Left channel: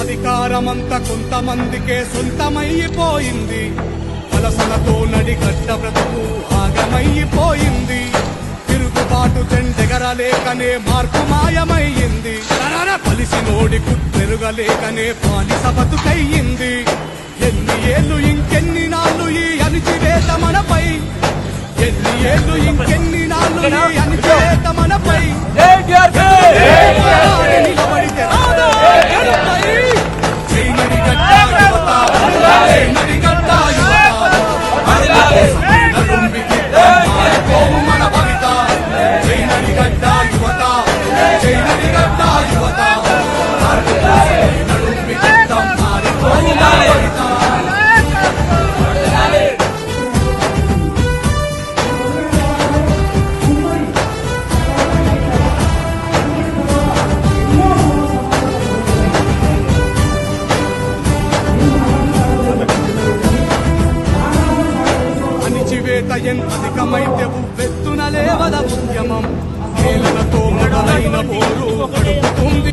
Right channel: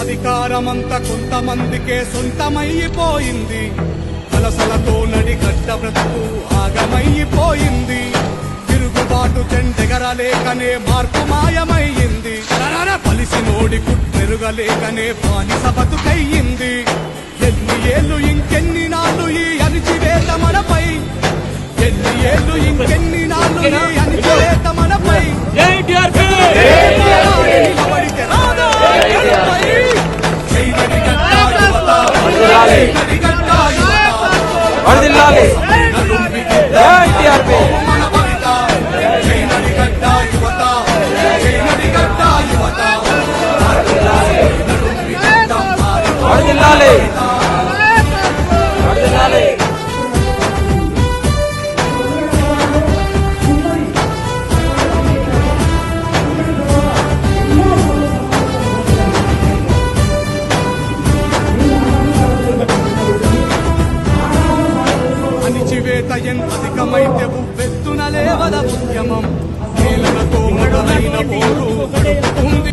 అధికారమంతా కొంతమందికే సొంతమైపోయింది. వలసలతో నడిగడ్డ బ్రతుకు ఆగమైపోయింది. తిరుగుబాటు చెండెగరలేకనే మార్పు మాయమయ్యింది. పలిసినోడి కుట్రెరుగలేకనే బానిస బతుకయ్యింది. ఎన్ని ఏళ్ళు ఇంకెన్ని నాళ్ళు ఈ అణిచివేత మనపై, ఎన్ని ఏళ్ళు ఇంకెన్ని నాళ్ళు ఈ అణిచివేత మనపై. పోరాడి నిలబడితే రాదా గెలుపై. చైనడి గడ్డ యువత, చైనడి గడ్డ యువత, నడుంబికిద్దాం మారిపోవు మన భవిత. చైనడి గడ్డ యువత, చైనడి గడ్డ యువత, నడుంబికిద్దాం మారిపోవు మన భవిత. అణిచివేత ఎంత అధికమైతే ఉవ్వెత్తున లేవద ఉద్యమం. నేలనతో మొదలైన పోరు గడుపుతుంది.